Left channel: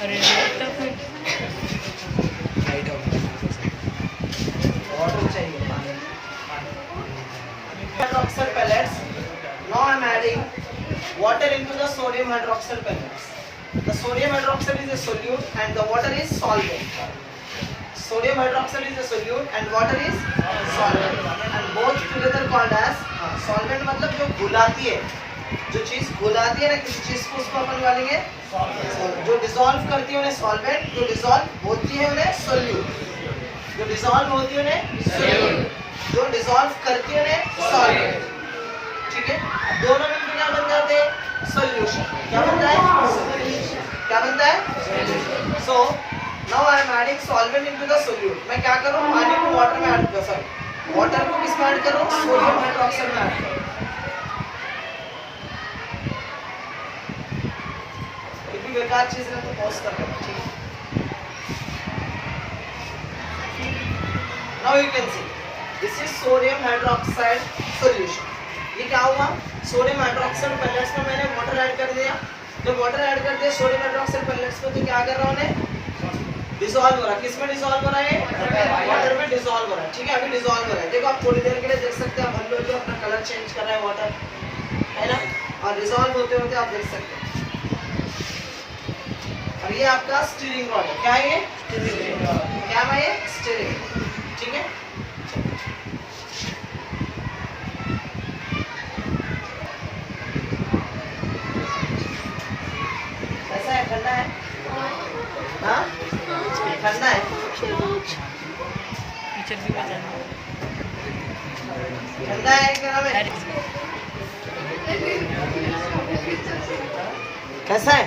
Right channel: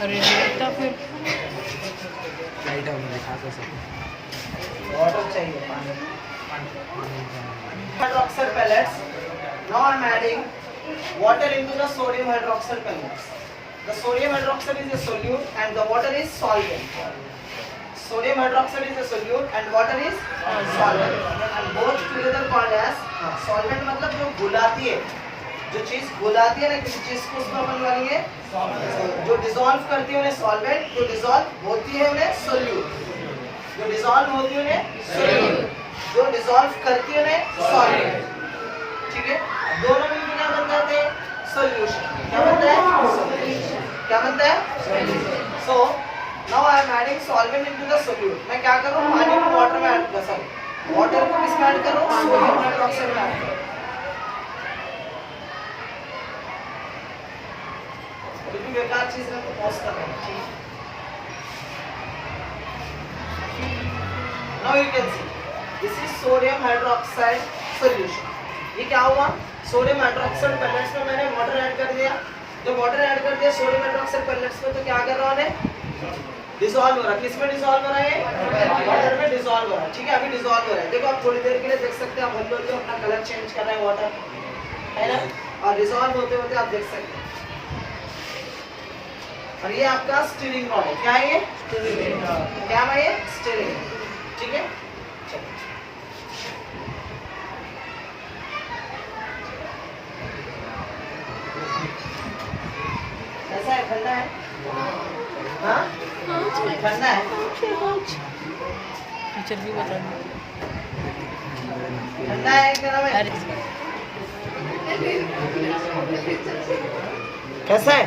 अरे फिर वाटर चाहिए, पानी। Hydroxide pellets. Now I am adding water into the sodium hydroxide pellets. The sodium hydroxide is a solute and the water is solvent. Sodium hydroxide is a solute and water is solvent. And both together called as solvent मतलब जो घुलाती है, जो चीज घुलाती है ना किसी चीज को, उसको अपन बोलेंगे जो डिसॉल्व करती है उन्हें सॉल्वेंट, जो डिसॉल्व होती है उन्हें सोल्यूट, जो डिसॉल्व होती है उन्हें सोल्यूट, जो डिसॉल्व करती है उन्हें सॉल्वेंट। ठीक है, दोनों मिलकर क्या बन जाते हैं? सॉल्यूशन। क्या बनता है? क्या बनता है? So now I am adding solvent into the solute. मैं क्या करूं? पानी को वाटर में ऐड कर सकूं, वाटर को किस में ऐड करूं? सोडियम हाइड्रोक्साइड में ऐड करूं। कितनी बेकार चीज है तो पॉज कर देना। ठीक है, now you can see this is sodium hydroxide solution. ये क्या हुआ? सोडियम हाइड्रोक्साइड पेलेट्स में मैंने वाटर ऐड कर दिया। जब वाटर ऐड कर दिया सोडियम हाइड्रोक्साइड पेलेट्स में, तो क्या कर रहा है? डिसॉल्व हो रहा है। किसमें डिसॉल्व हो रहा है? वाटर में डिसॉल्व हो रहा है। ठीक है, अभी डिसॉल्व हो रहा है। देखो आप थोड़ी देर के लिए देख सकते हैं, आप हल्लो हल्लो अपना कलर चेंज कर रहा है वाटर, है ना? और डिसॉल्व होते होते आप देख सकते हैं। और ये आपका स्टीयरिंग रॉड है। क्या है ये? Steering rod. क्या है ये? स्टीयरिंग। ठीक है, कैसा है? ठंडा है? हाँ, ठंडा है। टीचर भी बता ठंडा है क्या नाम है? कैसा है?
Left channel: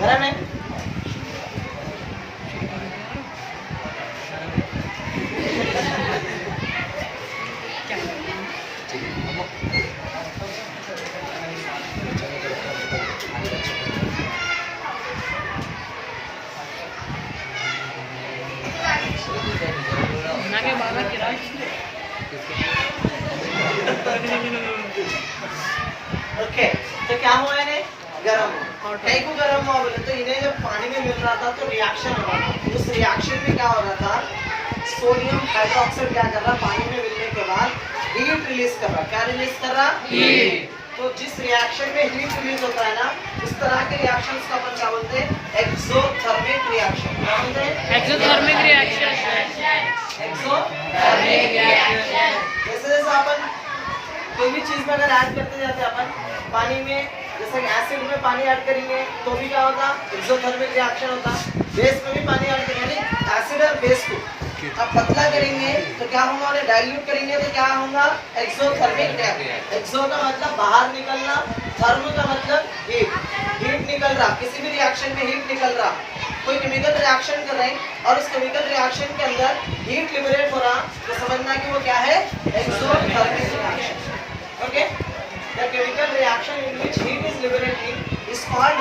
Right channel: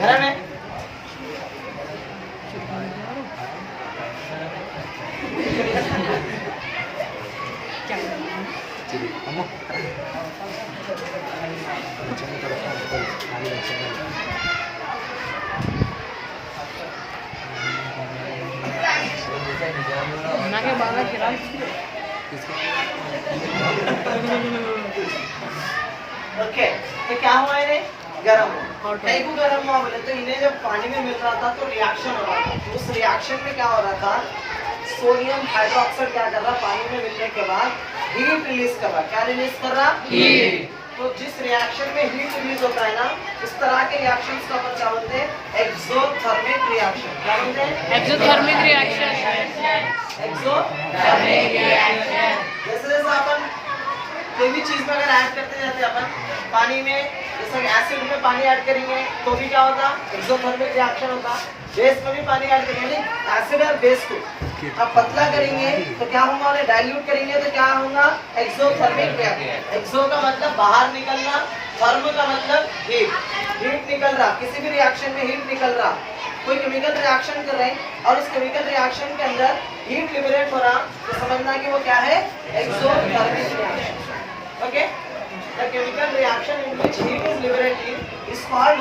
गरम है। के बाबा किराए ओके, तो क्या हुआ इन्हें? गरम हुआ। कई को गरम हुआ बोले तो इन्हें जब पानी में मिल रहा था तो रिएक्शन हो रहा था। उस रिएक्शन में क्या हो रहा था? सोडियम हाइड्रोक्साइड क्या कर रहा? पानी में मिलने के बाद हीट रिलीज कर रहा। क्या रिलीज कर रहा? हीट। तो जिस रिएक्शन में हीट रिलीज होता है ना, उस तरह के रिएक्शंस को अपन क्या बोलते हैं? Exothermic reaction. क्या बोलते हैं? Exothermic reaction. Exothermic reaction. जैसे जैसे अपन कोई भी चीज में अगर ऐड करते जाते हैं अपन पानी में, जैसे एसिड में पानी ऐड करेंगे तो भी क्या होता? एक्सोथर्मिक रिएक्शन होता। बेस में भी पानी ऐड करेंगे, एसिड और बेस को अब पतला करेंगे तो क्या होगा? उन्हें डाइल्यूट करेंगे तो क्या होगा? Exothermic reaction. एक्सो का मतलब बाहर निकलना, थर्म का मतलब हीट। हीट निकल रहा, किसी भी रिएक्शन में हीट निकल रहा। कोई केमिकल रिएक्शन कर रहे हैं और उस केमिकल रिएक्शन के अंदर हीट लिबरेट हो रहा, तो समझना कि वो क्या है? Exothermic reaction. Okay, the chemical reaction in which heat is liberated is called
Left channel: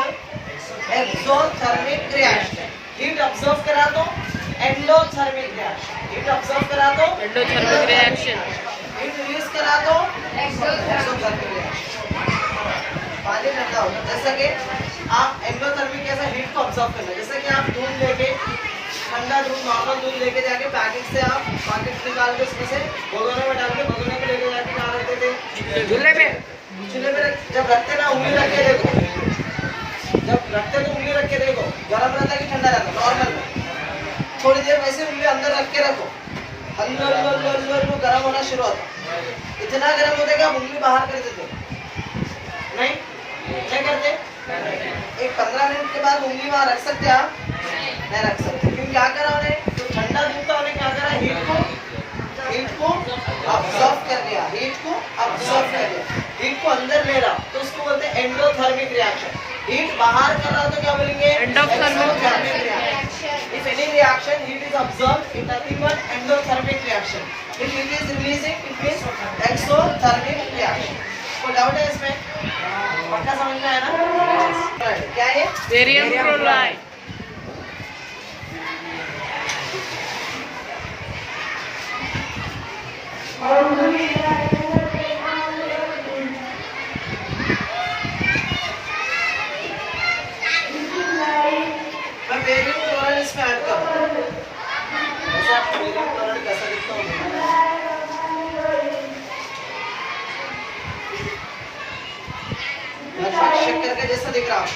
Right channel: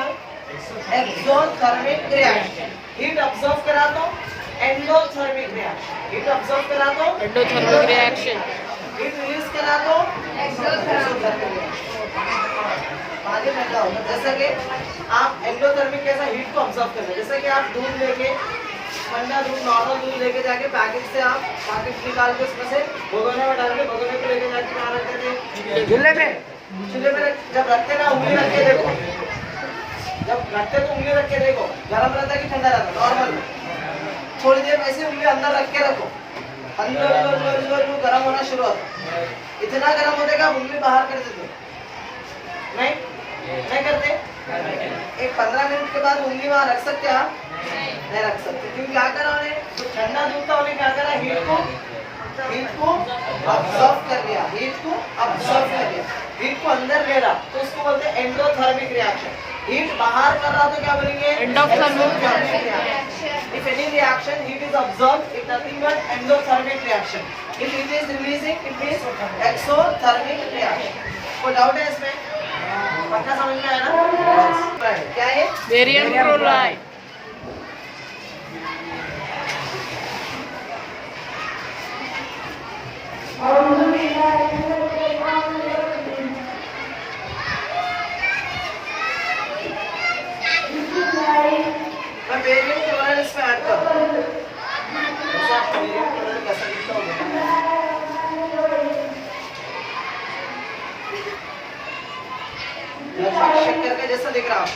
exothermic reaction. Heat absorb करा तो एंडोथर्मिक रिएक्शन। हीट अब्सॉर्ब करा तो एंडोथर्मिक रिएक्शन। हीट रिलीज करा तो एक्सोथर्मिक रिएक्शन। पानी ठंडा होगा, जैसे कि आप एंडोथर्मिक कैसा हीट को अब्सॉर्ब करना, जैसे कि आप दूध लेके, ठंडा दूध, नॉर्मल दूध लेके जाके पैकेट से आप पैकेट निकाल के उसमें से भगोने में डाल के भगोने पे लेके जाके कहाँ रखते थे? चूल्हे में। चूल्हे में जब रखते ना, उंगली रख के देखो, जब रखते तो उंगली रख के देखो, गर्म रहता कि ठंडा रहता? नॉर्मल में। थोड़ी देर वैसे उंगली अंदर रख के रखो, हल्लो हल्लो हल्लो हल्लो गर्म होना शुरू होता। इतना गर्म हो जाएगा उंगली बाहर कर देते? नहीं, नहीं करते। एक 15 मिनट के बाद उंगली वहां रख सकते आप? नहीं रख सकते, क्योंकि क्या करा उन्हें? तो ठंडा दूध था, उन्हें क्या करा? हीट को अब्सॉर्ब कर लिया। हीट को अब्सॉर्ब कर लिया, हीट को अंदर ले रहा, तो उसको बोलते हैं एंडोथर्मिक रिएक्शन। हीट बाहर कर रहा तो क्या बोलेंगे? Endothermic reaction. If any reaction heat is absorbed, it nothing but endothermic reaction. If heat is releasing, it means exothermic reaction. कोई डाउट है इसमें? पक्का समझ में आया ना? क्या है? Barium chloride. मैं बेरियम क्लोराइड इसमें ऐड करूँ, जैसे आपको बेरियम क्लोराइड कैसा दिखता होगा, लगभग शक्कर के जैसा दिख रहा आपको।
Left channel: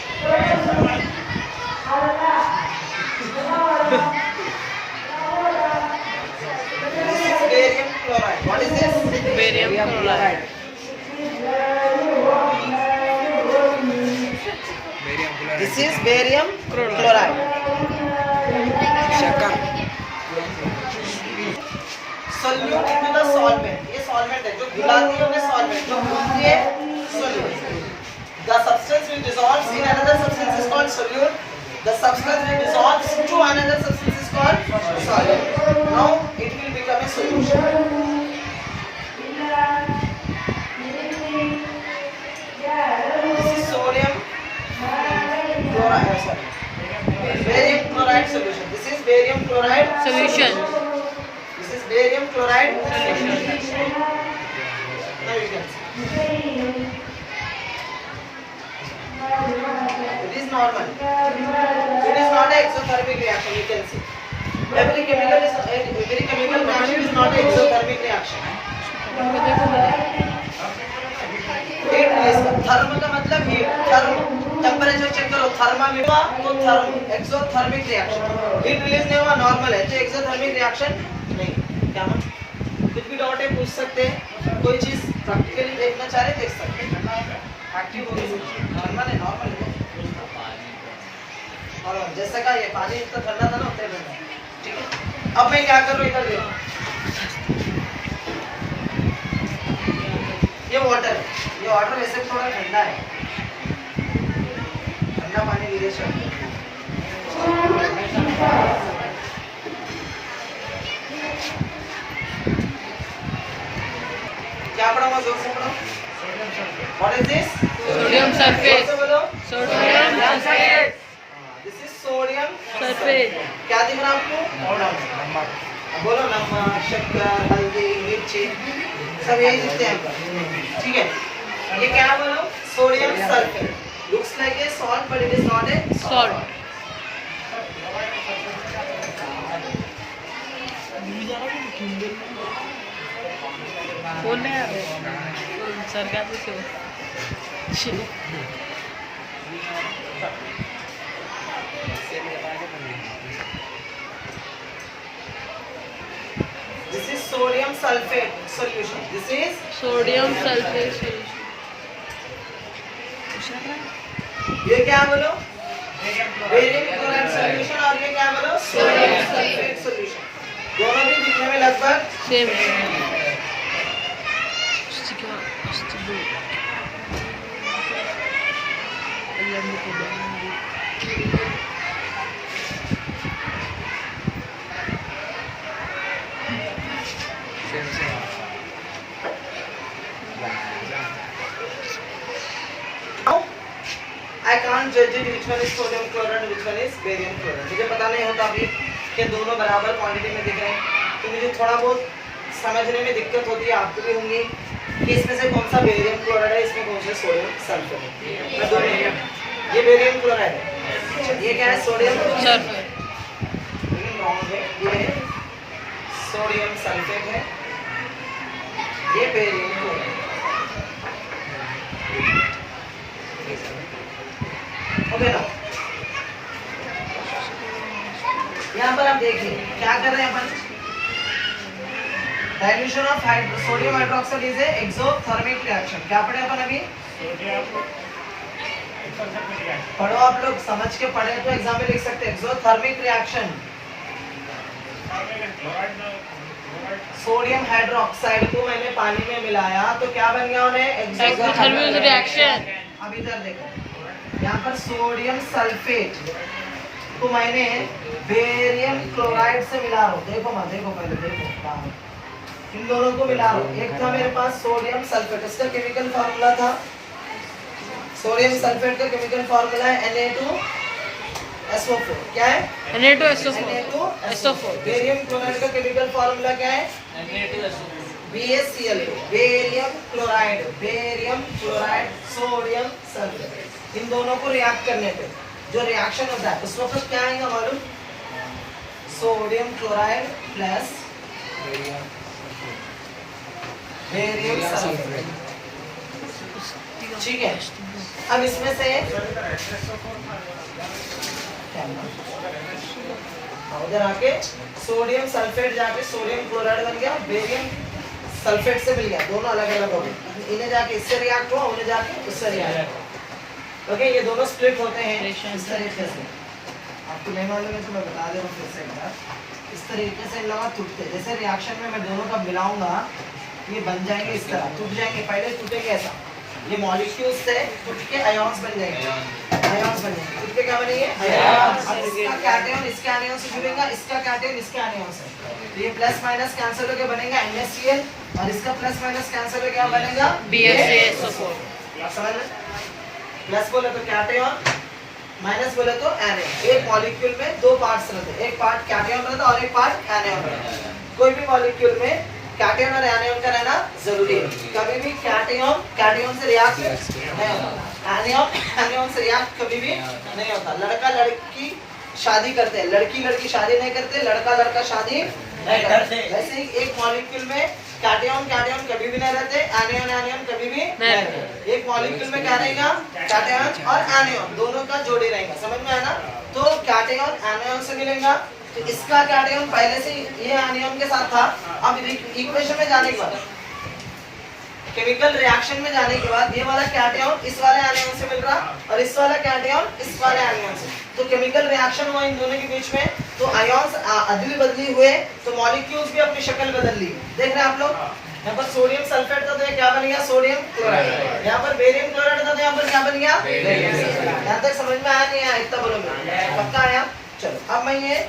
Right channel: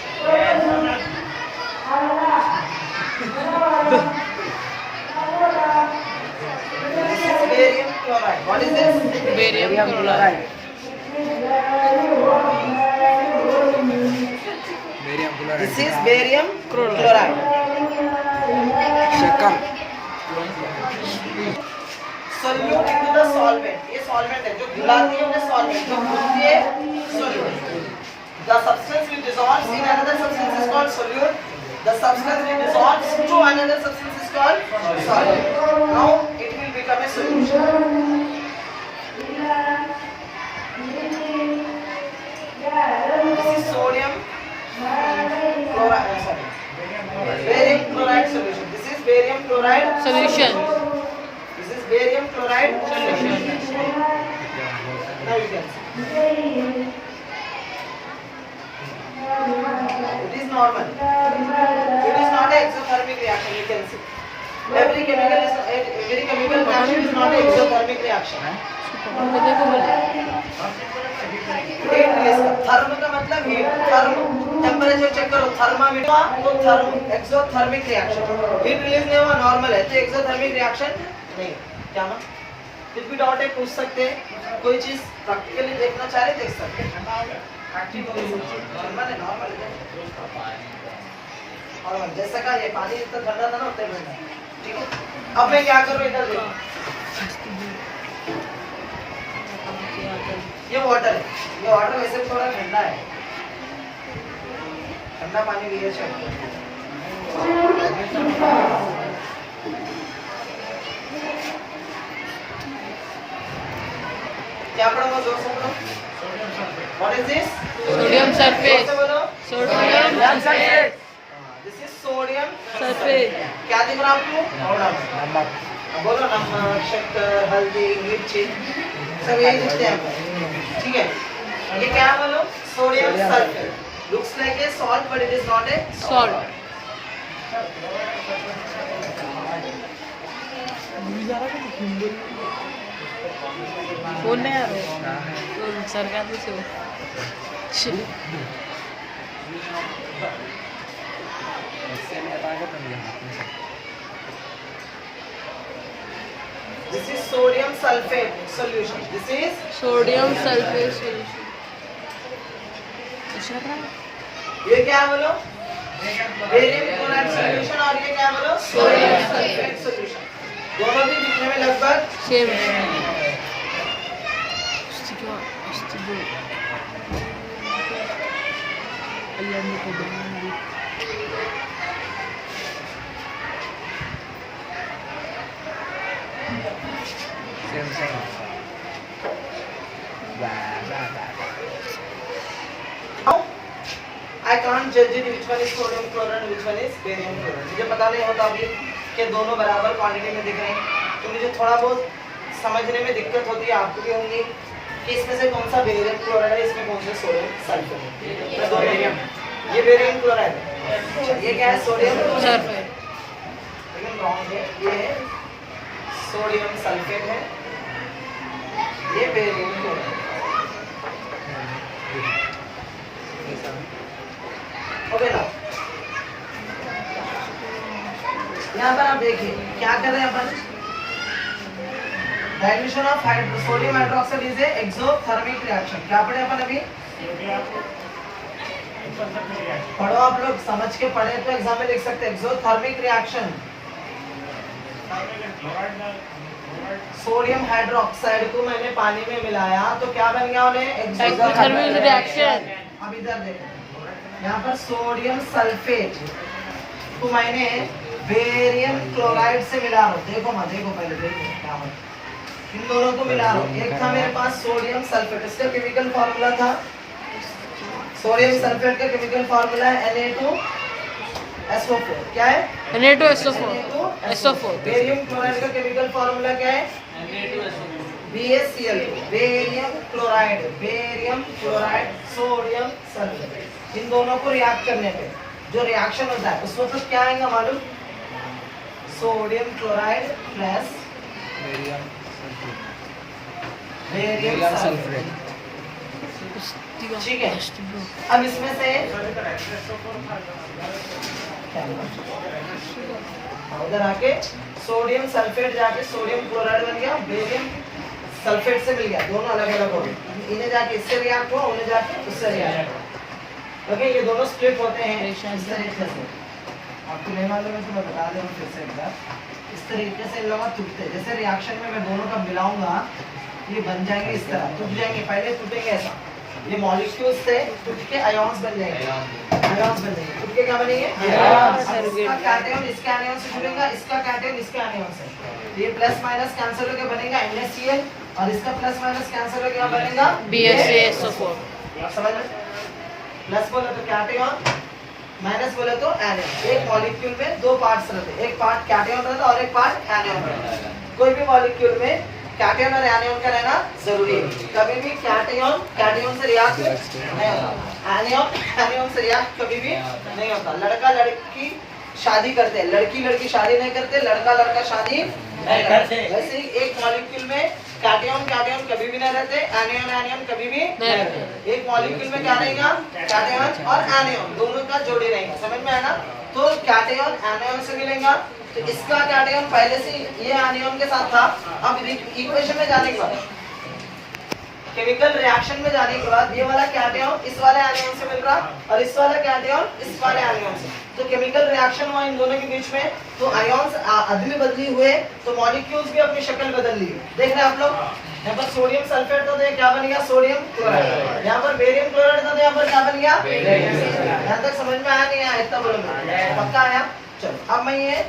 Barium chloride, what is this? Barium chloride. This is barium chloride. Solute into the solvent, ये सॉल्वेंट है जो घुलाती है, उन्हें सॉल्वेंट, जो घुलती है solute. The substance which dissolves in another substance is called solute. The substance which dissolves to another substance is called solvent. Now it will become a solution. This is sodium chloride. Sorry, barium chloride solution. This is barium chloride Solution. This is barium chloride Solution. Now you can see. It is normal. It is not an exothermic reaction. You can see. Every chemical reaction is not an exothermic reaction. Heat release का therm का मतलब heat, therm temperature check करो, thermometer तो therm exothermic reaction. Heat release नहीं हुआ, normal है, तो exothermic reaction नहीं. क्या ना कुछ भी डाउट है पूछ सकते हैं, कोई चीज प्रैक्टिकली देखना चाह रहे देख सकते हैं. एक्टिव हो गई, नॉर्मल है, नॉर्मल है. और जैसा का ये पानी इतना ठंडा था ना, उतना ठंडा है. ठीक है, अब मैं क्या कर रहा हूँ, इधर देखो, ये वाटर है. ये वाटर वैसे भी थोड़ा ठंडा है, ठंडा पानी लिए चाहिए. क्या पढ़ा, जोर से पढ़ो. What is this? Sodium sulfate. जोर से बोलो. Sodium sulfate. This is sodium Sulfate. क्या दिख रहा है आपको? अब बोलो, नमक, शक्कर, हल्दी, मिर्ची, सब यही दिखते हैं. ठीक है, ये क्या है बोलो? Sodium sulphate. Looks like a salt but it is not a Salt. Phone नहीं आ रहा सरकार से हो. This is sodium sulfate solution. This is sodium sulphate solution. ये क्या है बोलो? Barium chloride solution. और ये क्या है बोलो? Sodium sulphate solution. दोनों भी दिखने में लगभग same. I can't judge it which one is sodium chloride and which one is barium chloride. मुझे पता नहीं होता अभी कि दोनों बराबर क्वांटिटी में दिख रहे हैं, तो मुझे थोड़ा बहुत समझने में दिक्कत होती है, आपको भी होंगी, कि इसमें से कौन सा बेरियम क्लोराइड है, इसमें कौन सा सोडियम सल्फेट है. मैं दोनों लिया, ये बेरियम क्लोराइड है, ये क्या है? Sodium sulphate. लेकिन रॉन्ग है, ये सोडियम सल्फेट है, ये बेरियम क्लोराइड. ओके ना, यहाँ पर आप देखिए क्या कर रहे हैं अपन. Dilution of sodium hydroxide is a exothermic reaction. क्या पढ़े अपन अभी? पढ़ो आप लोग, समझ के पढ़े तो एग्जाम में लिख सकते हैं. एक्सोथर्मिक रिएक्शन, सोडियम हाइड्रोक्साइड को मैंने पानी में मिलाया तो क्या बन गया उन्हें? Exothermic reaction. अब इधर देखो, यहाँ पर सोडियम सल्फेट को मैंने बेरियम क्लोराइड से मिला रहा हूँ. देखो माँ, देखो पहले देखो क्या हो, इन दोनों को मिला रहा हूँ. एक था मेरे पास सोडियम सल्फेट, उसका केमिकल फॉर्मूला था, सोडियम सल्फेट का केमिकल फॉर्मूला है Na2SO4. क्या है? Na2SO4. बेरियम क्लोराइड का केमिकल फॉर्मूला क्या है? BaCl2 barium chloride sodium sulphate. इन दोनों को रिएक्ट करने पे जो रिएक्शन होता है उस वक्त क्या आएगा मालूम? Sodium chloride plus barium sulphate. ठीक है, अब इसमें से उधर आके सोडियम सल्फेट जाके सोडियम क्लोराइड बन गया, बेरियम सल्फेट से मिल गया, दोनों अलग अलग हो गए। इन्हें जाके इससे रिएक्ट हुआ, उन्हें जाके उससे रिएक्ट हुआ। ओके, ये दोनों स्प्लिट होते हैं इस तरीके से। आपको नहीं मालूम है तो मैं बता दे रहा हूँ फिर से एक बार। इस तरीके से इन लोग टूटते, जैसे रिएक्शन में मैं दोनों का मिलाऊंगा ये बन जाएंगे इस तरह, टूट जाएंगे। पहले टूटेंगे ऐसा, ये मॉलिक्यूल्स से टूट के आयॉन्स बन जाएंगे, आयॉन्स बन जाएंगे। टूट के क्या बनेंगे? आयॉन्स। इसका कैटायन इसके आयन से जुड़ेगा, इसका कैटायन इसके आयन से, तो ये प्लस माइनस कैंसिल होकर बनेगा NaCl, और इसका प्लस माइनस कैंसिल होकर क्या बनेगा? BaCl4। समझ में? प्लस बोले तो कैटायन, माइनस बोले तो एनायन। एक मॉलिक्यूल में दो पार्ट्स रहते हैं, एक पार्ट कैटायन रहता है और एक पार्ट एनायन रहता है। कोई भी मॉलिक्यूल में कैटायन और एनायन का रहना जरूरी है। कभी भी कैटायन से रिएक्ट नहीं होता, एनायन से रिएक्ट कभी भी नहीं होता। लड़का लड़की शादी करते हैं, लड़की शादी नहीं करते, लड़का शादी नहीं करते। वैसे ही एक मॉलिक्यूल में कैटायन कभी भी नहीं रहते, एनायन कभी भी नहीं रहते। एक मॉलिक्यूल में क्या रहेगा? कैटायन और एनायन दोनों का जोड़ी रहेगा। समझ में आया ना? तो कैटायन एनायन से मिलेगा, तो इसका कैटायन पहले से ये एनायन के साथ था। अब इक्वेशन में जाने के बाद, केमिकल रिएक्शन में जाने के बाद ये वाला कैटायन इस वाले एनायन से मिल रहा और इस वाला कैटायन इस वाले एनायन से, तो केमिकल रिएक्शन हुआ इन दोनों के बीच में, तो आयॉन्स अदली बदली हुए, तो मॉलिक्यूल्स भी अपनी शक्ल बदल ली। देख रहे हैं आप लोग? यहाँ पर सोडियम सल्फेट था तो ये क्या बन गया? Sodium chloride. यहाँ पर बेरियम क्लोराइड था तो यहाँ पर क्या बन गया? यहाँ तक समझ में आया नहीं आया? इतना बोलो, पक्का आया? चलो, अब मैं ये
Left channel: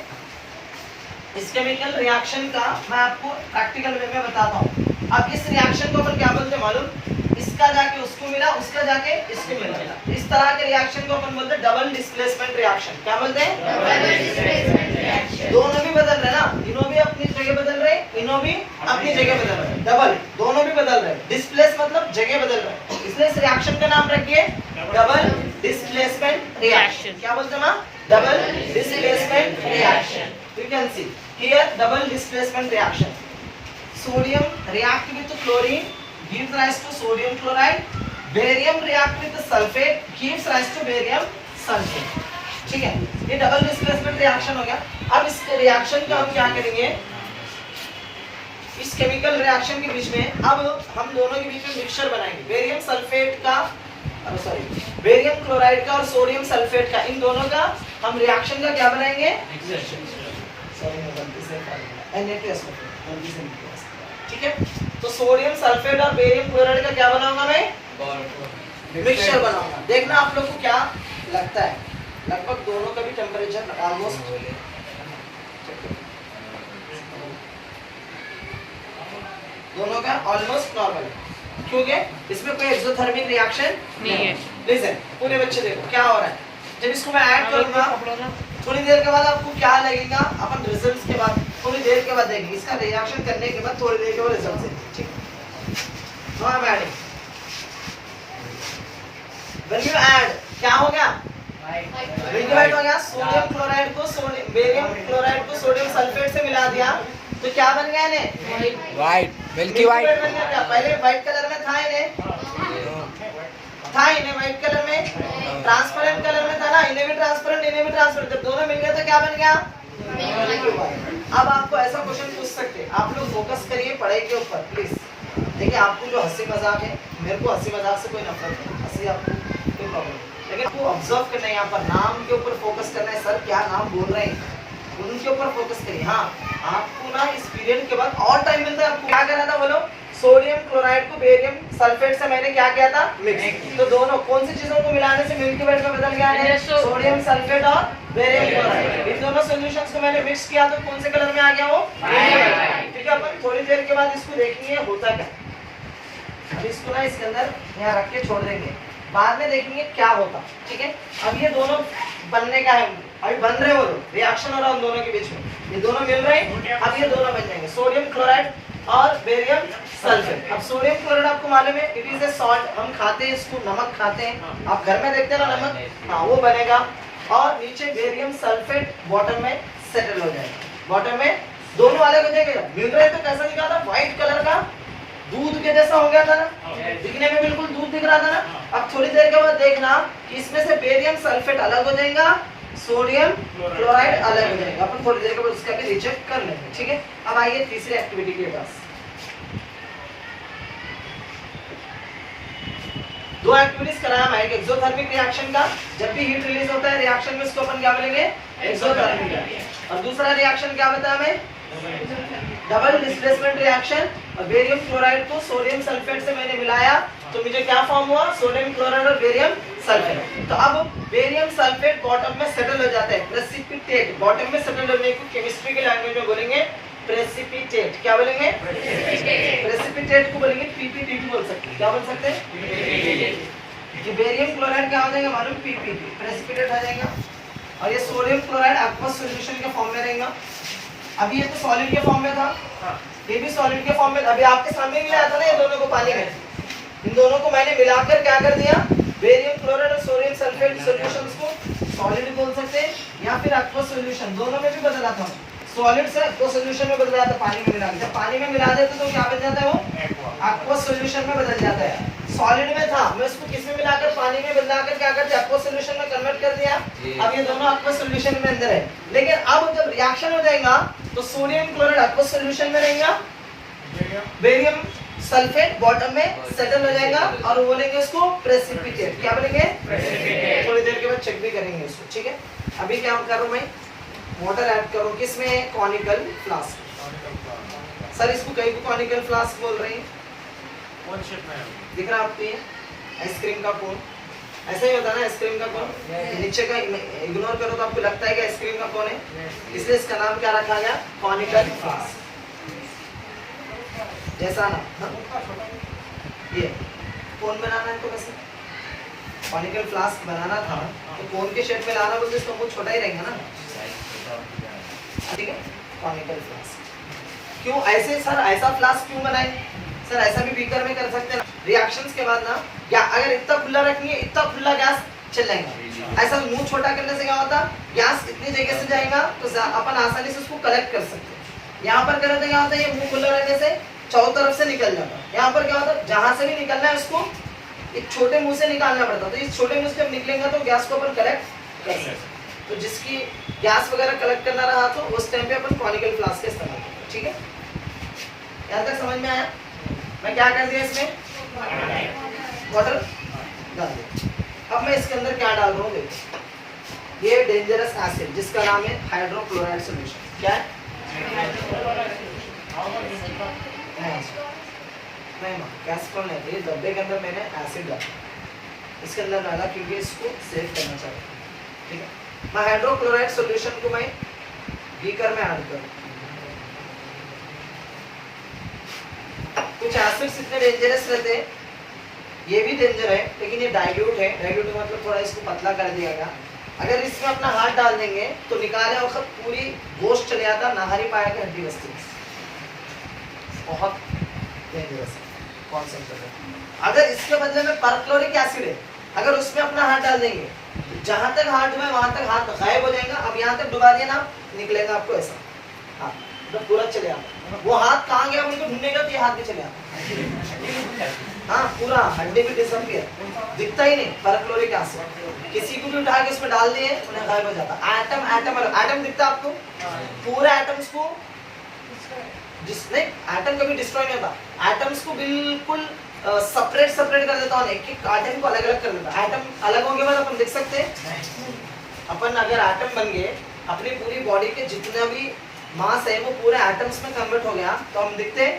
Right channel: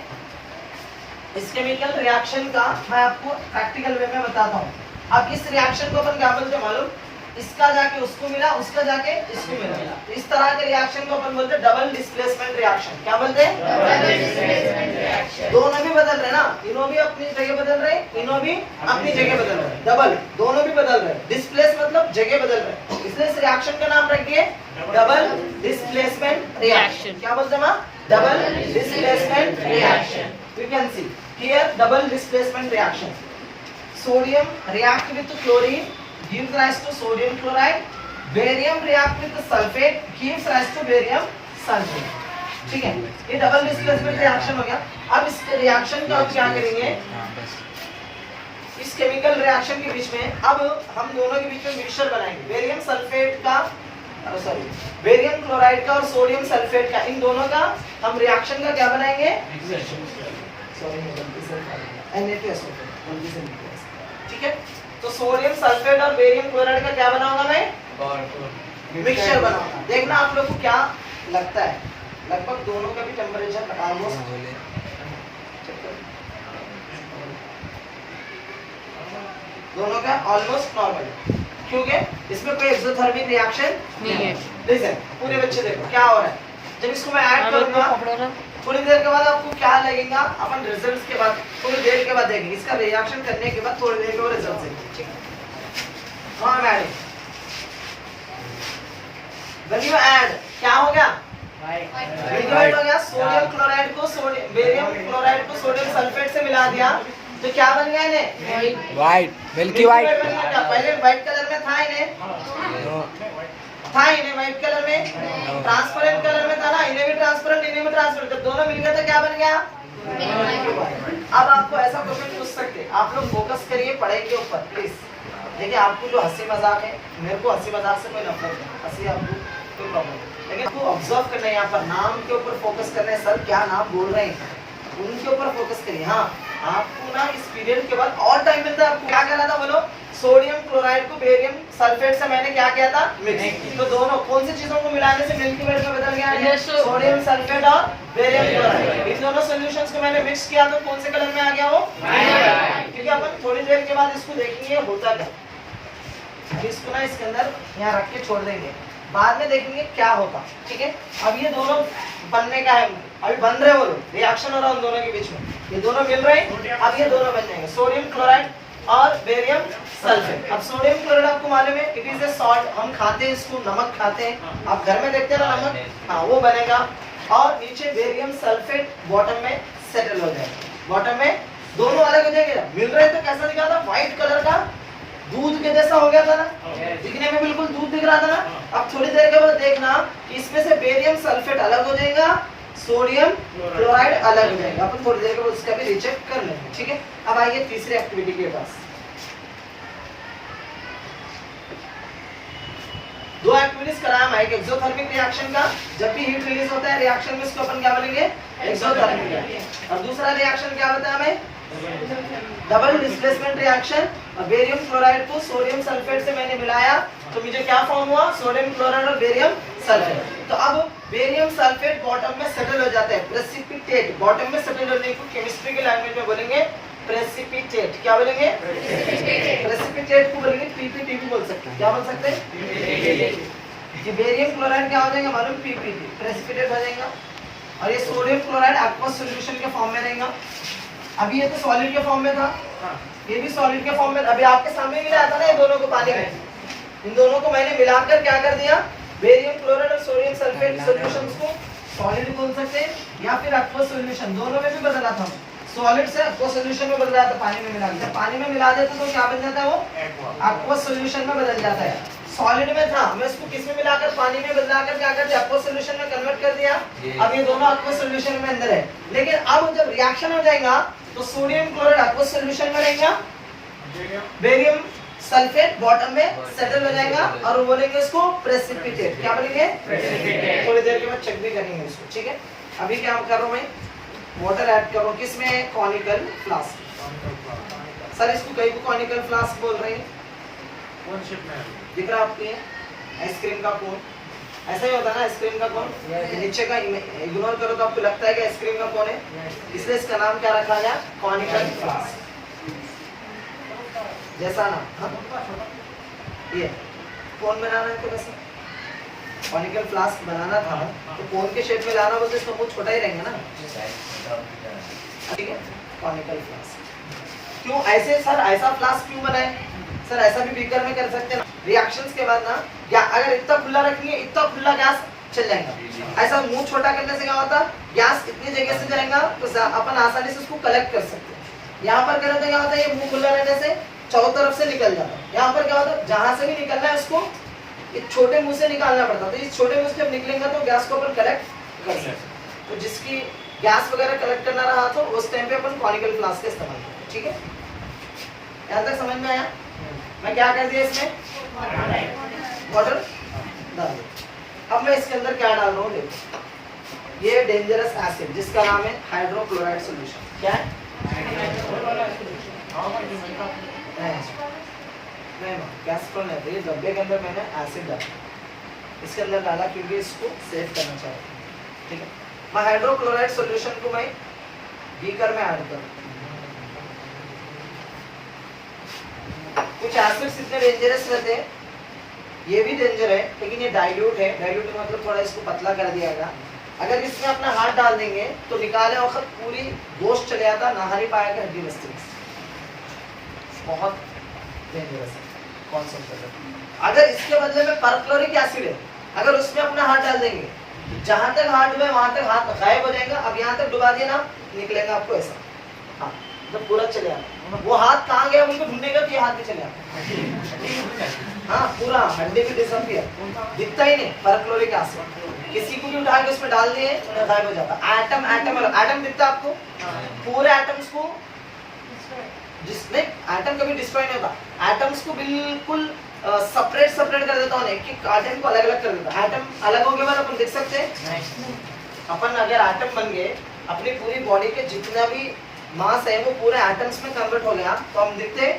इस केमिकल रिएक्शन का मैं आपको प्रैक्टिकल वे में बताता हूँ। अब इस रिएक्शन को अपन क्या बोलते हैं मालूम? इसका जाके उसको मिला, उसका जाके इसको मिला। इस तरह के रिएक्शन को अपन बोलते हैं डबल डिस्प्लेसमेंट रिएक्शन। क्या बोलते हैं? दोनों भी बदल रहे ना, इन्हों भी अपनी जगह बदल रहे, इन्हों भी अपनी जगह बदल रहे, डबल दोनों भी बदल रहे। डिस्प्लेस मतलब जगह बदल रहे, इसलिए इस रिएक्शन का नाम रखिए डबल डिस्प्लेसमेंट रिएक्शन। क्या बोलते हैं? Double displacement reaction. You can see here double displacement reaction. Sodium react with chlorine gives rise to sodium chloride. Barium react with sulfate gives rise to barium sulfate. ठीक है, ये double displacement reaction हो गया। अब इस reaction का हम क्या करेंगे? इस केमिकल रिएक्शन के बीच में अब हम दोनों के बीच में मिक्सचर बनाएंगे, बेरियम सल्फेट का, बेरियम क्लोराइड का और सोडियम सल्फेट का, इन दोनों का हम रिएक्शन का क्या बनाएंगे? ठीक है, तो सोडियम सल्फेट और बेरियम क्लोराइड का क्या बनाऊंगा मैं? मिक्सचर बनाऊंगा। देखना आप लोग को क्या लगता है, लगभग दोनों का भी टेम्परेचर ऑलमोस्ट दोनों का ऑलमोस्ट नॉर्मल है, क्योंकि इसमें कोई एक्सोथर्मिक रिएक्शन नहीं है। लिसन पूरे बच्चे देखो क्या हो रहा है। जब इसको मैं ऐड करूंगा थोड़ी देर के बाद आपको क्या लगेगा? अपन रिजल्ट्स के बाद थोड़ी देर के बाद देखेंगे, इसका रिएक्शन करने के बाद थोड़ी देर के बाद रिजल्ट से। ठीक है, now I am adding. When you add क्या हो गया? मिल्की वाइट हो गया। सोडियम क्लोराइड को बेरियम क्लोराइड को सोडियम सल्फेट से मिला दिया तो क्या बन गया? इन्हें वाइट, मिल्की वाइट बन गया। क्या पहले व्हाइट कलर में था? इन्हें व्हाइट कलर में, ट्रांसपेरेंट कलर में था ना, इन्हें भी ट्रांसपेरेंट, इन्हें भी ट्रांसपेरेंट। जब दोनों मिल गए तो क्या बन गया? अब आपको ऐसा क्वेश्चन पूछ सकते हैं, आप लोग फोकस करिए पढ़ाई के ऊपर प्लीज। देखिए, आपको जो हंसी मजाक है, मेरे को हंसी मजाक से कोई नफरत नहीं, हंसी आपको कोई प्रॉब्लम नहीं, लेकिन आपको ऑब्जर्व करना है, यहाँ पर नाम के ऊपर फोकस करना है। सर क्या नाम बोल रहे हैं उनके ऊपर फोकस करिए। हाँ, आपको ना इस पीरियड के बाद और टाइम मिलता है। आपको क्या करना था बोलो? सोडियम क्लोराइड को बेरियम सल्फेट से मैंने क्या किया था? मिक्स। तो दोनों कौन सी चीजों को मिलाने से मिल्की वाइट में बदल गया है? सोडियम सल्फेट और बेरियम क्लोराइड। इन दोनों सॉल्यूशंस को मैंने मिक्स किया तो कौन से कलर में आ गया वो? ठीक है, अपन थोड़ी देर के बाद इसको देखेंगे होता क्या। अभी इसको ना इसके अंदर यहाँ रख के छोड़ देंगे, बाद में देखेंगे क्या होता। ठीक है, अब ये दोनों बनने का है, अभी बन रहे हो, रिएक्शन हो रहा है उन दोनों के बीच में, ये दोनों मिल रहे हैं। अब ये दोनों बन जाएंगे सोडियम क्लोराइड और बेरियम सल्फेट। अब सोडियम क्लोराइड आपको मालूम है इट इज ए सॉल्ट, हम खाते हैं इसको, नमक खाते हैं, आप घर में देखते हैं ना नमक, हाँ वो बनेगा। और नीचे बेरियम सल्फेट बॉटम में सेटल हो जाएगा, बॉटम में दोनों अलग हो जाएंगे। मिल रहे तो कैसा दिखा था, व्हाइट कलर का दूध के जैसा हो गया था ना, दिखने में बिल्कुल दूध दिख रहा था ना। अब थोड़ी देर के बाद देखना कि इसमें से बेरियम सल्फेट अलग हो जाएगा, सोडियम क्लोराइड अलग हो जाएगा। अपन थोड़ी देर के बाद उसका भी रीचेक कर लेंगे, ठीक है। अब आइए तीसरी एक्टिविटी के पास। दो एक्टिविटीज कराया मैं, एक एक्सोथर्मिक रिएक्शन का, जब भी हीट रिलीज होता है रिएक्शन में इसको अपन क्या बोलेंगे, एक्सोथर्मिक। और दूसरा रिएक्शन क्या बताया हमें, डबल डिस्प्लेसमेंट रिएक्शन। और बेरियम क्लोराइड को सोडियम सल्फेट से मैंने मिलाया तो मुझे क्या फॉर्म हुआ, सोडियम क्लोराइड और बेरियम सल्फेट। तो अब बेरियम सल्फेट बॉटम में सेटल हो जाता है, प्रेसिपिटेट, बॉटम में सेटल होने को केमिस्ट्री के लैंग्वेज में बोलेंगे प्रेसिपिटेट। क्या बोलेंगे, प्रेसिपिटेट को बोलेंगे पीपीटीटी बोल सकते हैं। क्या बोल सकते हैं, ये बेरियम क्लोराइड क्या हो जाएगा मालूम, पीपीटी, प्रेसिपिटेट हो जाएगा। और ये सोडियम क्लोराइड एक्वस सॉल्यूशन के फॉर्म में रहेगा। अभी ये तो सॉलिड के फॉर्म में था, ये भी सॉलिड के फॉर्म में। अभी आपके सामने भी आया था ना ये दोनों को पानी में, इन दोनों को मैंने मिलाकर क्या कर दिया, बेरियम क्लोराइड और सोडियम सल्फेट सॉल्यूशंस को सॉलिड बोल सकते हैं या फिर एक्वस सॉल्यूशन, दोनों में भी बदला था। सॉलिड से एक्वस सॉल्यूशन में बदला था, पानी में मिला दिया। पानी में मिला देते तो क्या बन जाता है, वो एक्वस सॉल्यूशन में बदल जाता है। सॉलिड में था, मैं इसको किस में मिलाकर, पानी में बदलाकर क्या करते, एक्वस सॉल्यूशन में कन्वर्ट कर दिया। अब ये दोनों एक्वस सॉल्यूशन में अंदर है। लेकिन अब जब रिएक्शन हो जाएगा तो सोडियम क्लोराइड एक्वस सॉल्यूशन में रहेगा, बेरियम सल्फेट बॉटम में सेटल हो जाएगा और वो बोलेंगे इसको प्रेसिपिटेट। क्या बोलेंगे, थोड़ी देर के बाद चेक भी करेंगे इसको, ठीक है। अभी क्या कर रहा हूं मैं, वाटर ऐड करो किसमें, कॉनिकल फ्लास्क। सर इसको कई को कॉनिकल फ्लास्क बोल रहे हैं, कौन शेप में है? दिख रहा आपको ये आइसक्रीम का कोन, ऐसा ही होता है ना आइसक्रीम का कोन, नीचे का इग्नोर करो तो आपको लगता है कि आइसक्रीम का कोन है, इसलिए इसका नाम क्या रखा गया, कॉनिकल फ्लास्क, जैसा ना। हाँ? ये कोन बनाना है तो कैसे, कॉनिकल फ्लास्क बनाना था तो कोन के शेप में लाना बोलते इसका मुंह छोटा ही रहेगा ना, ठीक है। कॉनिकल फ्लास्क क्यों ऐसे, सर ऐसा फ्लास्क क्यों बनाए, सर ऐसा भी बीकर में कर सकते हैं। रिएक्शंस के बाद ना, या अगर इतना खुला रखेंगे इतना खुला गैस चल जाएगा, ऐसा मुंह छोटा करने से क्या होता, गैस इतनी जगह से जाएगा तो अपन आसानी से उसको कलेक्ट कर सकते हैं। यहाँ पर करें तो क्या होता है, ये मुंह खुला रहने से चारों तरफ से निकल जाता है। यहाँ पर क्या होता है, जहां से भी निकलना है उसको एक छोटे मुंह से निकालना पड़ता है, तो इस छोटे मुंह से जब निकलेंगे तो गैस को अपन कलेक्ट कर सकते हैं। तो जिसकी गैस वगैरह कलेक्ट करना रहा तो उस टाइम पे अपन कॉनिकल फ्लास्क का इस्तेमाल करते हैं, ठीक है। यहाँ तक समझ में आया, मैं क्या कर दिया इसमें, वाटर डाल दिया। अब मैं इसके अंदर क्या डाल रहा हूँ, देखो ये डेंजरस एसिड जिसका नाम है हाइड्रोक्लोराइड सॉल्यूशन। क्या है, नहीं कैस्ट्रॉल नहीं, ये डब्बे के अंदर मैंने एसिड डाला, इसके अंदर डाला क्योंकि इसको सेव करना चाहता हूँ, ठीक है। मैं हाइड्रोक्लोराइड सॉल्यूशन को मैं बीकर में ऐड करूँ। कुछ एसिड्स इतने डेंजरस रहते हैं, ये भी डेंजर है लेकिन ये डाइल्यूट है, डाइल्यूट मतलब थोड़ा इसको पतला कर दिया गया। अगर इसमें अपना हाथ डाल देंगे तो निकाले वक्त पूरी गोश्त चले जाता, नहा नहीं पाएगा हड्डी बस्ती, बहुत डेंजरस है कॉन्सेंट्रेट। अगर इसके बदले में परक्लोरिक एसिड है, अगर उसमें अपना हाथ डाल देंगे जहां तक हाथ में वहां तक हाथ गायब हो जाएगा। अब यहाँ तक डुबा दिया ना, निकलेगा आपको ऐसा, हाँ तो पूरा चले आता। वो हाथ कहाँ गया उनको ढूंढेगा तो ये हाथ भी चले आता, हाँ पूरा हड्डी भी डिसअपीयर, दिखता ही नहीं। परक्लोरिक एसिड किसी को भी उठा के इसमें डाल दिए उन्हें गायब हो जाता। एटम एटम एटम दिखता आपको, पूरे एटम्स को जिसने एटम कभी डिस्ट्रॉय नहीं होता, एटम्स को बिल्कुल सेपरेट कर देता हूँ, एक एक एटम को अलग अलग कर देता। एटम अलग होने के बाद अपन देख सकते हैं, अपन अगर एटम बन गए अपनी पूरी बॉडी के जितना भी मास है वो पूरे एटम्स में कन्वर्ट हो गया तो हम दिखते हैं,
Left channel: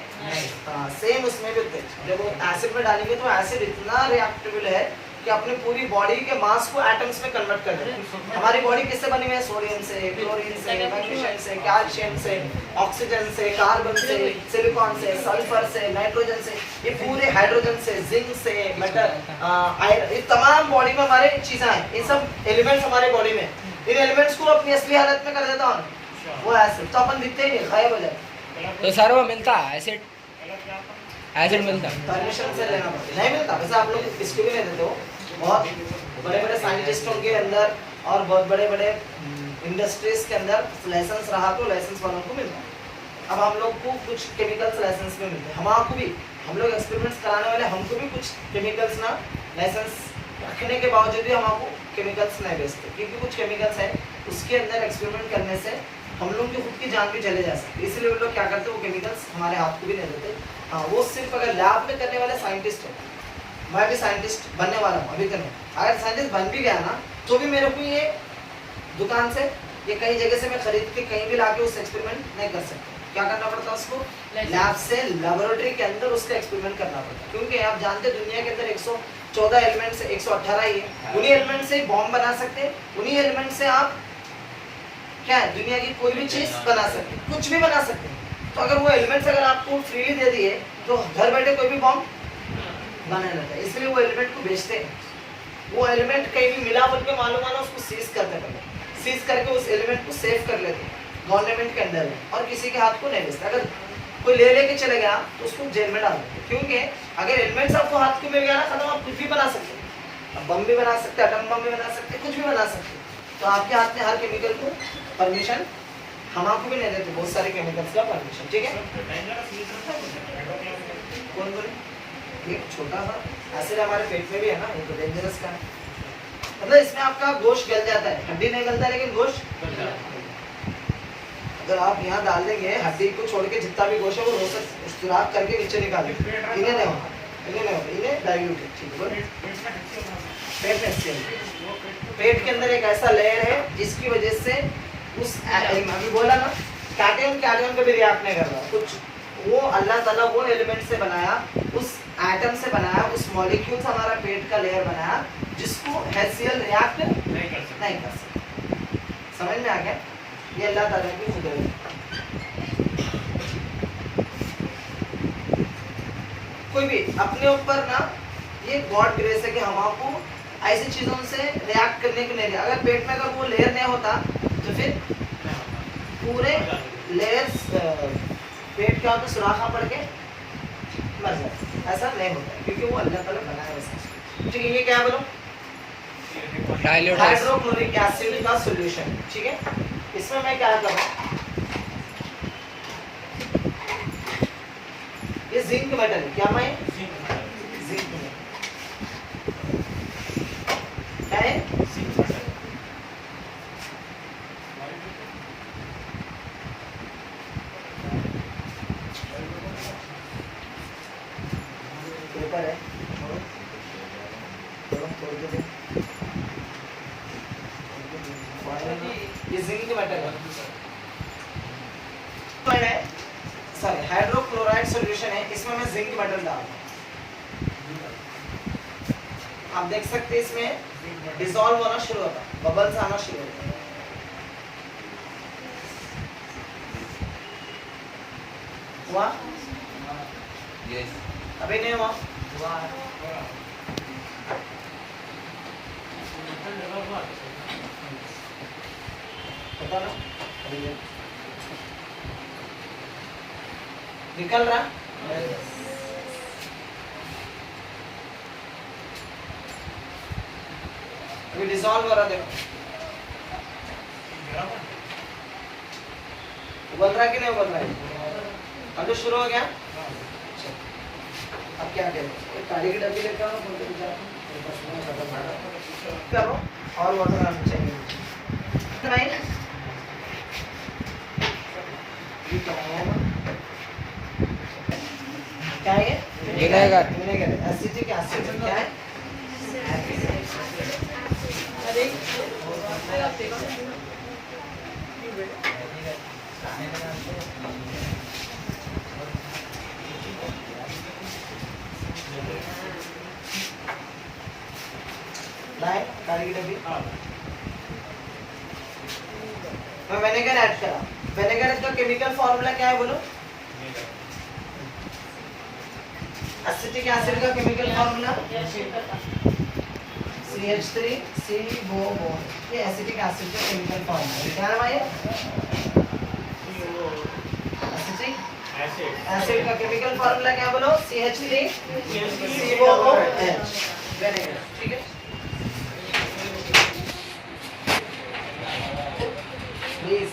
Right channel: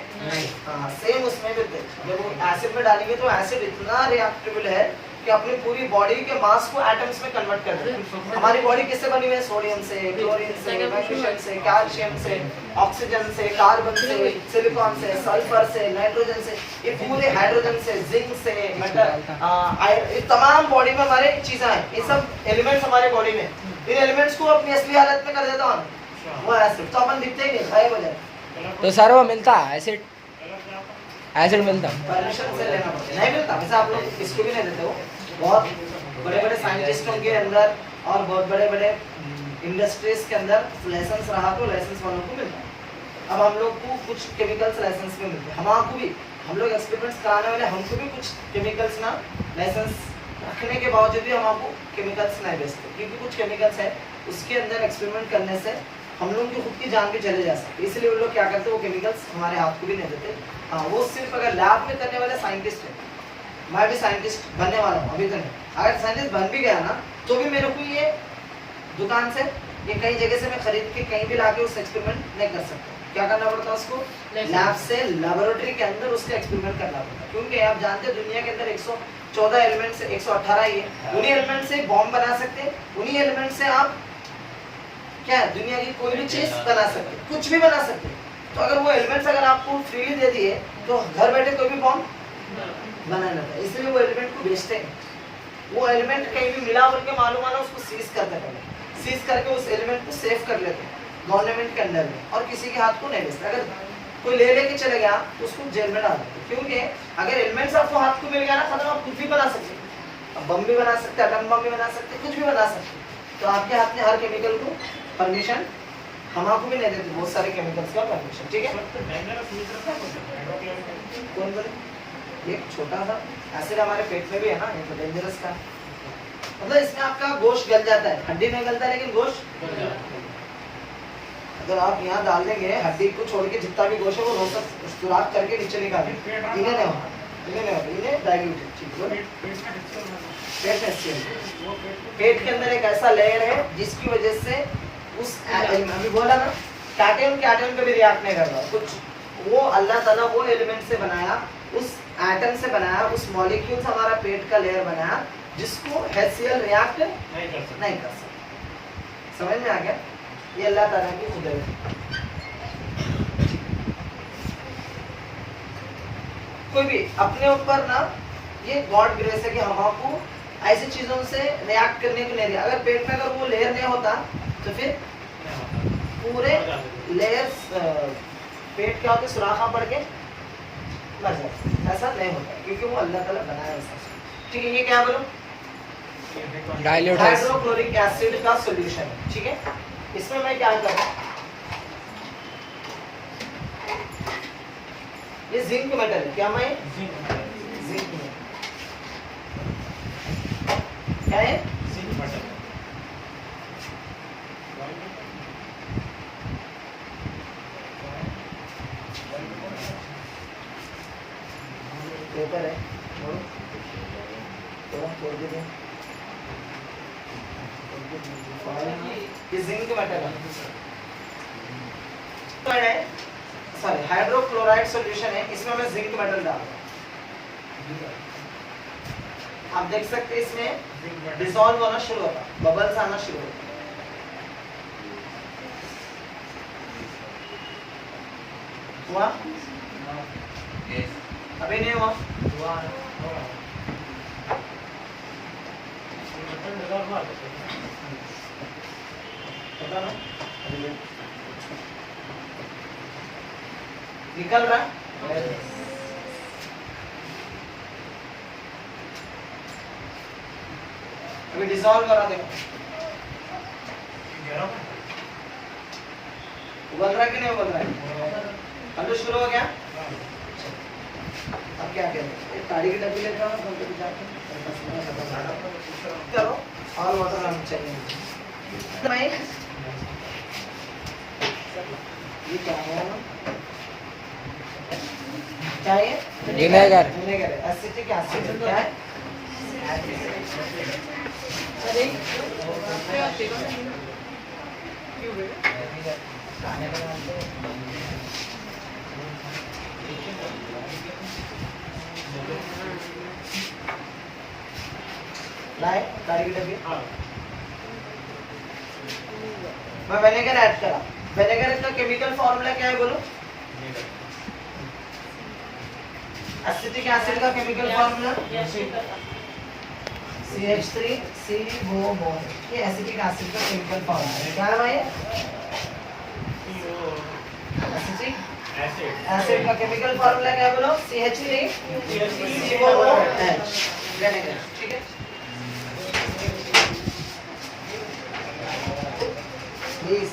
सेम उसमें भी दिखते। जब वो एसिड में डालेंगे तो एसिड इतना रिएक्टेबल है कि अपनी पूरी बॉडी के मास को एटम्स में कन्वर्ट कर देते। हमारी बॉडी किससे बनी हुई है, सोडियम से, क्लोरीन से, मैग्नीशियम से, कैल्शियम से, ऑक्सीजन से, कार्बन से, सिलिकॉन से, सल्फर से, नाइट्रोजन से, ये पूरे हाइड्रोजन से, जिंक से, मेटल आयरन, ये तमाम बॉडी में हमारे चीजें हैं, ये सब एलिमेंट्स हमारे बॉडी में। इन एलिमेंट्स को अपनी असली हालत में कर देता हूँ वो एसिड, तो अपन दिखते ही नहीं, गायब हो जाते। तो सर वो मिलता है एसिड एसिड मिलता परमिशन से लेना पड़ता है, नहीं मिलता वैसे आप लोग इसको भी नहीं देते हो। बहुत बड़े बड़े साइंटिस्टों के अंदर और बहुत बड़े बड़े इंडस्ट्रीज के अंदर लाइसेंस रहा तो लाइसेंस वालों को मिलता है। अब हम लोग को कुछ केमिकल्स लाइसेंस में मिलते हैं, हमारे को भी, हम लोग एक्सपेरिमेंट्स कराने वाले हमको भी कुछ केमिकल्स ना लाइसेंस रखने के बावजूद भी हमारे केमिकल्स नहीं बेचते, क्योंकि कुछ केमिकल्स है उसके अंदर एक्सपेरिमेंट करने से हम लोग की खुद की जान भी चले जा सकती है, इसलिए वो लोग क्या करते हैं वो केमिकल्स हमारे हाथ को भी नहीं देते। हाँ, वो सिर्फ अगर लैब में करने वाले साइंटिस्ट है, मैं भी साइंटिस्ट बनने वाला हूँ अभी तो नहीं, अगर साइंटिस्ट बन भी गया ना तो भी मेरे को ये दुकान से ये कई जगह से मैं खरीद के कहीं भी लाके उस एक्सपेरिमेंट नहीं कर सकता। क्या करना पड़ता है उसको? लैब से लेबोरेटरी के अंदर उसका एक्सपेरिमेंट करना पड़ता है, क्योंकि आप जानते हैं दुनिया के अंदर 114 एलिमेंट से 118 ही है, उन्हीं एलिमेंट से बॉम्ब बना सकते हैं, उन्हीं एलिमेंट से आप क्या दुनिया की कोई भी चीज बना सकते हैं, कुछ भी बना सकते हैं। तो अगर वो एलिमेंट्स अगर आपको फ्रीली दे दिए तो घर बैठे कोई भी बॉम्ब बना लेता है, इसलिए वो एलिमेंट को बेचते हैं। वो एलिमेंट कहीं भी मिला बोल के मालूम आना उसको सीज करते हैं, पहले सीज करके उस एलिमेंट को सेव कर लेते हैं गवर्नमेंट के अंदर में, और किसी के हाथ को नहीं बेचते। अगर कोई ले लेके चले गया तो उसको जेल में डाल देते, क्योंकि अगर एलिमेंट्स आपको हाथ को मिल गया ना खत्म, आप कुछ भी बना सकते हैं, बम भी बना सकते हैं, एटम बम भी बना सकते हैं, कुछ भी बना सकते हैं। तो आपके हाथ में हर केमिकल को परमिशन हमारे को भी नहीं देते, बहुत सारे केमिकल्स का परमिशन, ठीक है। कौन बोले एक छोटा सा एसिड हमारे पेट में भी है ना, ये तो डेंजरस का, मतलब इसमें आपका गोश्त गल जाता है, हड्डी नहीं गलता लेकिन गोश्त। अगर आप यहाँ डाल देंगे हड्डी को छोड़ के जितना भी गोश्त है वो रोसक सुराख करके नीचे निकाल देंगे, इन्हें नहीं होता, इन्हें नहीं होता, इन्हें डाइल्यूटेड, ठीक है। पेट के अंदर एक ऐसा लेयर है जिसकी वजह से उस अभी बोला ना कैटायन कैटायन को भी रिएक्ट नहीं कर रहा कुछ, वो अल्लाह ताला वो एलिमेंट से बनाया, उस एटम से बनाया, उस मॉलिक्यूल से हमारा पेट का लेयर बनाया जिसको HCl रिएक्ट नहीं कर सकता। समझ में आ गया? ये अल्लाह ताला की कुदरत है। कोई भी अपने ऊपर ना ये गॉड ग्रेस है कि हम आपको ऐसी चीजों से रिएक्ट करने को नहीं दिया। अगर पेट में अगर वो लेयर नहीं होता तो फिर पूरे लेयर्स पेट का तो सुराखा पड़ के मर जाते, ऐसा नहीं होता है क्योंकि वो अल्लाह ताला बनाया ऐसा। ठीक है, ये क्या बोलो? डाइल्यूट हाइड्रोक्लोरिक एसिड का सॉल्यूशन, ठीक है। इसमें मैं क्या करूँ, ये जिंक मेटल है, क्या मैं जिंक में क्या है? पेपर है, छोड़ दो। ये जिंक मेटल है, सॉरी हाइड्रोक्लोराइड सॉल्यूशन है, इसमें मैं जिंक मेटल डाल, आप देख सकते हैं इसमें डिसॉल्व होना शुरू होता, बबल्स आना शुरू होता। हुआ? अभी नहीं हुआ? पता ना निकल रहा अभी डिसॉल्व हो रहा, देखो उबल रहा कि नहीं उबल रहा है? अब तो शुरू हो गया। अब क्या करें, गाड़ी की डब्बी लेकर आओ, करो और वाटर आना चाहिए। ये क्या है? क्या है? विनेगर। विनेगर, एसिटिक एसिड क्या है? अरे लाए गाड़ी की डब्बी। मैं विनेगर ऐड करा, विनेगर का केमिकल फॉर्मूला क्या है बोलो? एसिटिक एसिड का केमिकल फॉर्मूला CH3COO, ये एसिटिक एसिड का केमिकल फॉर्मूला है। क्या है भाई? एसिटिक एसिड का केमिकल फॉर्मूला क्या है बोलो? CH3COOH vinegar. ठीक है, प्लीज